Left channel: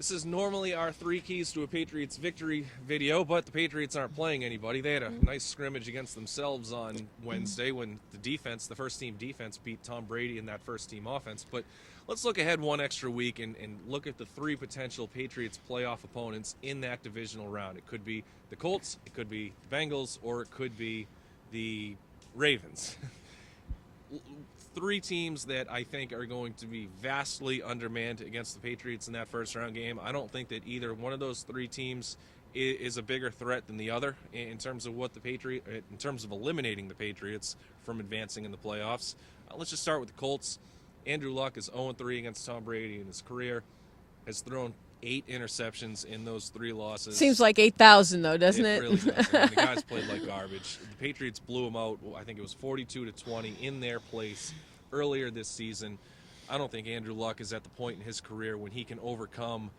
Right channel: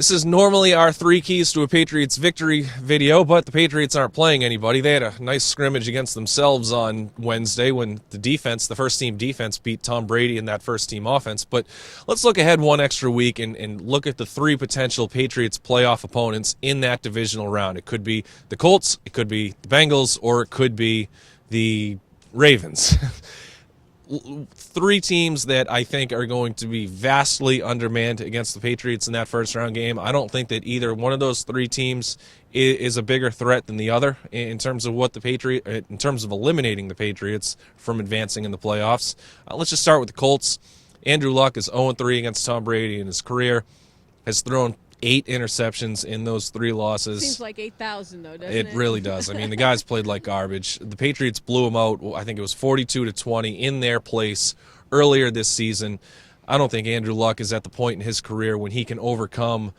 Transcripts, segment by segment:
This is normally our 3 keys to a Patriots victory video, but the Patriots aren't playing anybody. They had a nice scrimmage against themselves on Wednesday when the first-team defense, beat Tom Brady in that first-team offense. But let's look ahead one extra week and look at the 3 potential Patriots playoff opponents in that divisional round. It could be the Colts, it could be the Bengals, or it could be the Ravens. 3 teams that I think are going to be vastly undermanned against the Patriots in that first-round game. I don't think that either one of those 3 teams is a bigger threat than the other in terms of in terms of eliminating the Patriots from advancing in the playoffs. Let's just start with the Colts. Andrew Luck is 0-3 against Tom Brady in his career, has thrown 8 interceptions in those 3 losses. Seems like 8,000, though, doesn't it? It really does. I mean, the guys played like garbage. The Patriots blew them out, I think it was 42-20 in their place earlier this season. I don't think Andrew Luck is at the point in his career when he can overcome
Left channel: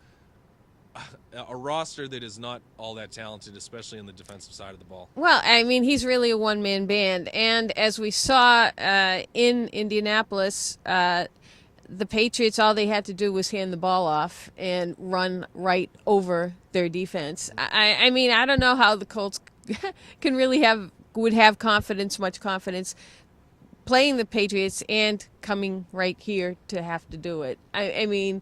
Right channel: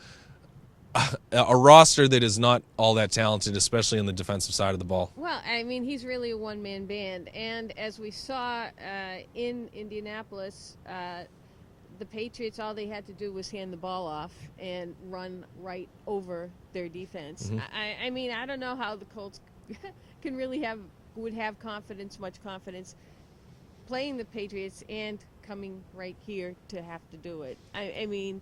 a roster that is not all that talented, especially on the defensive side of the ball. Well, I mean, he's really a one-man band. And as we saw in Indianapolis, the Patriots, all they had to do was hand the ball off and run right over their defense. Mm-hmm. I mean, I don't know how the Colts can really would have much confidence playing the Patriots and coming right here to have to do it. I mean,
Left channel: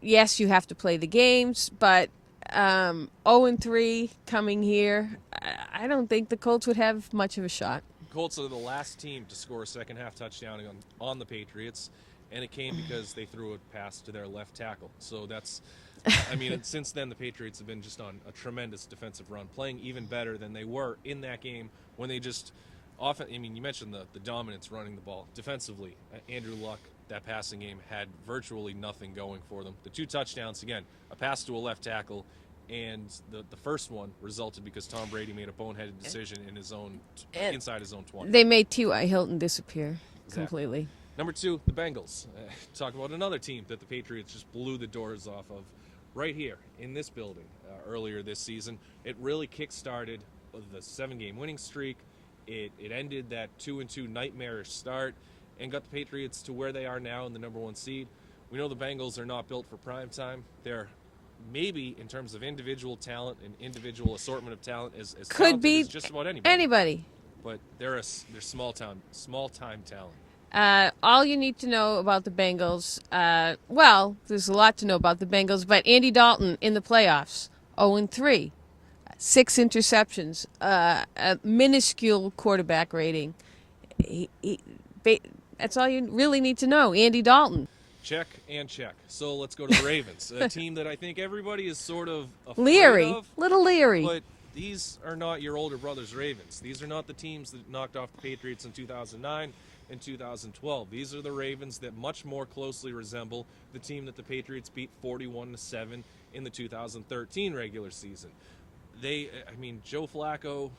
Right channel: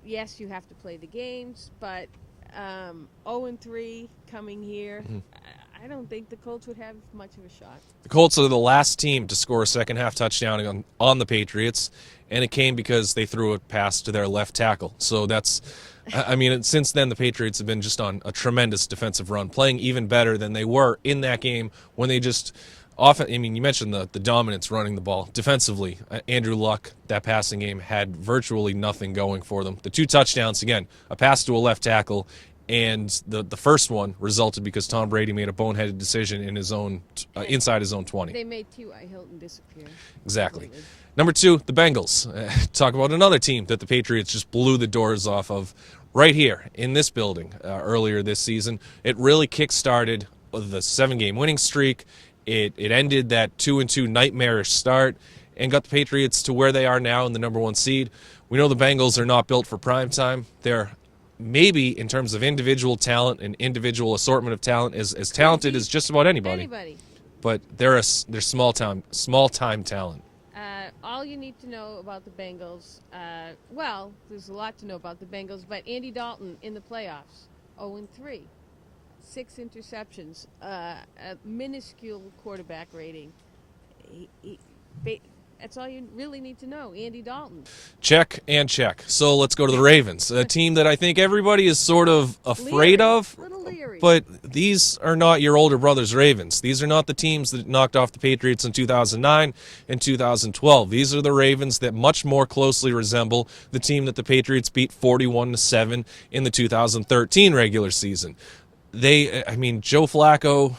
yes, you have to play the games, but 0-3 coming here, I don't think the Colts would have much of a shot. The Colts are the last team to score a second-half touchdown on the Patriots, and it came because they threw a pass to their left tackle. So that's, I mean, since then the Patriots have been just on a tremendous defensive run, playing even better than they were in that game when they just often, I mean, you mentioned the dominance running the ball. Defensively, Andrew Luck, that passing game, had virtually nothing going for them. The 2 touchdowns, again, a pass to a left tackle, and the first one resulted because Tom Brady made a boneheaded decision in his own inside his own 20. They made T.Y. Hilton disappear. Exactly. Completely. Number 2, the Bengals. Talk about another team that the Patriots just blew the doors off of right here in this building earlier this season. It really kick-started the 7-game winning streak. It ended that 2-2 nightmarish start and got the Patriots to where they are now in the number 1 seed. We know the Bengals are not built for prime time. They're maybe, in terms of individual talent and individual assortment of talent, as talented as just about anybody. But they're small-time talent. All you need to know about the Bengals, well, there's a lot to know about the Bengals, but Andy Dalton in the playoffs, 0-3, 6 interceptions, a minuscule quarterback rating. That's all you really need to know. Andy Dalton. Check and check. So let's go to the Ravens, a team that I think everybody is sort of afraid of. Little leery. But these are not your older brother's Ravens. These are not the teams that knocked off the Patriots in 2009 and 2012. These are the Ravens that much more closely resemble the team that the Patriots beat 41-7 in the 2013 regular season. I mean, Joe Flacco,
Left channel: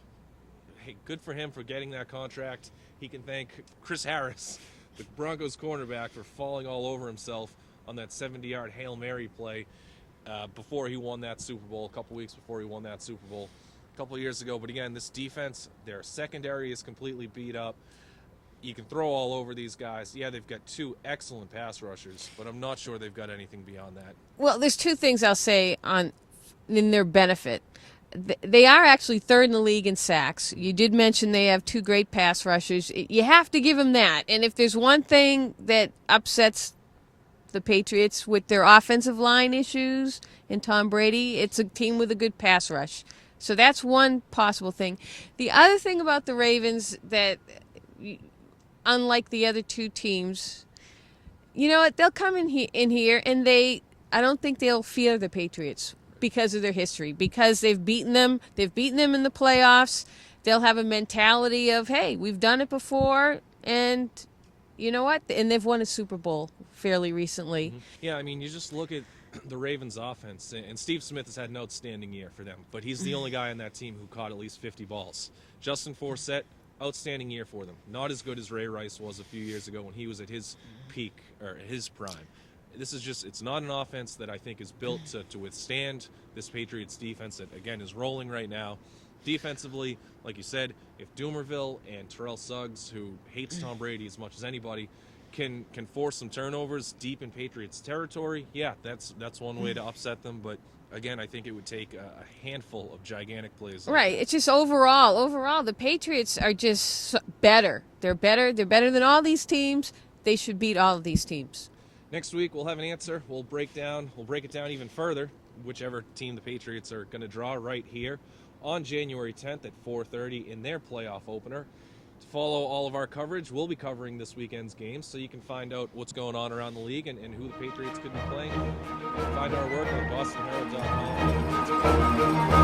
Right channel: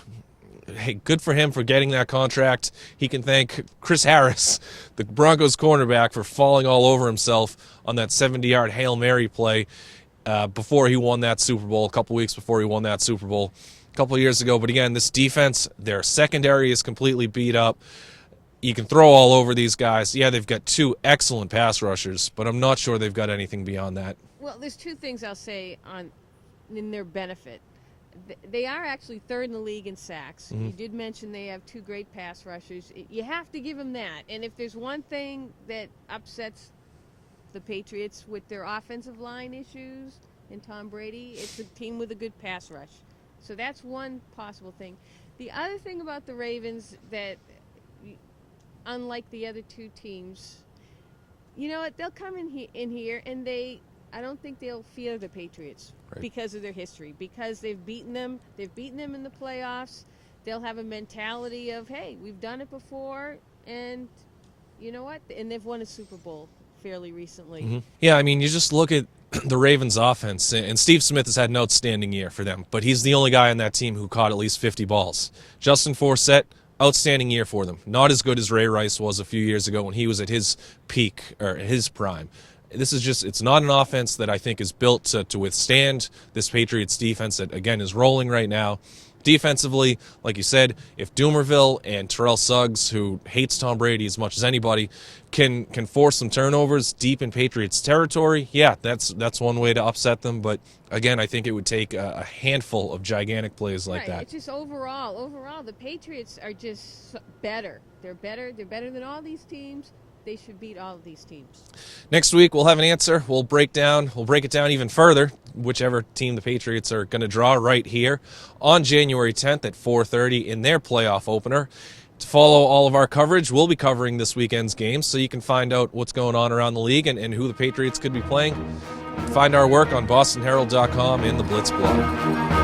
hey, good for him for getting that contract. He can thank Chris Harris, the Broncos cornerback, for falling all over himself on that 70-yard Hail Mary play before he won that Super Bowl, a couple weeks before he won that Super Bowl a couple of years ago. But again, this defense, their secondary is completely beat up. You can throw all over these guys. Yeah, they've got 2 excellent pass rushers, but I'm not sure they've got anything beyond that. Well, there's 2 things I'll say in their benefit. They are actually 3rd in the league in sacks. Mm-hmm. You did mention they have 2 great pass rushers. You have to give them that. And if there's one thing that upsets the Patriots with their offensive line issues and Tom Brady, it's a team with a good pass rush. So that's one possible thing. The other thing about the Ravens that, unlike the other 2 teams, you know what? They'll come in here and I don't think they'll fear the Patriots. Because of their history, because they've beaten them in the playoffs. They'll have a mentality of, hey, we've done it before, and you know what? And they've won a Super Bowl fairly recently. Mm-hmm. Yeah, I mean, you just look at the Ravens' offense, and Steve Smith has had an outstanding year for them, but he's the only guy on that team who caught at least 50 balls. Justin Forsett, outstanding year for them. Not as good as Ray Rice was a few years ago when he was at his peak, or his prime. This is just, it's not an offense that I think is built to withstand this Patriots defense that, again, is rolling right now. Defensively, like you said, if Doomerville and Terrell Suggs, who hates Tom Brady as much as anybody, can force some turnovers deep in Patriots territory, yeah, that's one way to upset them. But again, I think it would take a handful of gigantic plays like that. Right. It's just overall, the Patriots are just better. They're better. They're better than all these teams. They should beat all of these teams. Next week, we'll have an answer. We'll break it down even further, whichever team the Patriots are going to draw right here on January 10th at 4:30 in their playoff opener. To follow all of our coverage, we'll be covering this weekend's games, so you can find out what's going on around the league and who the Patriots could be playing. Find our work on bostonherald.com and the Blitz blog.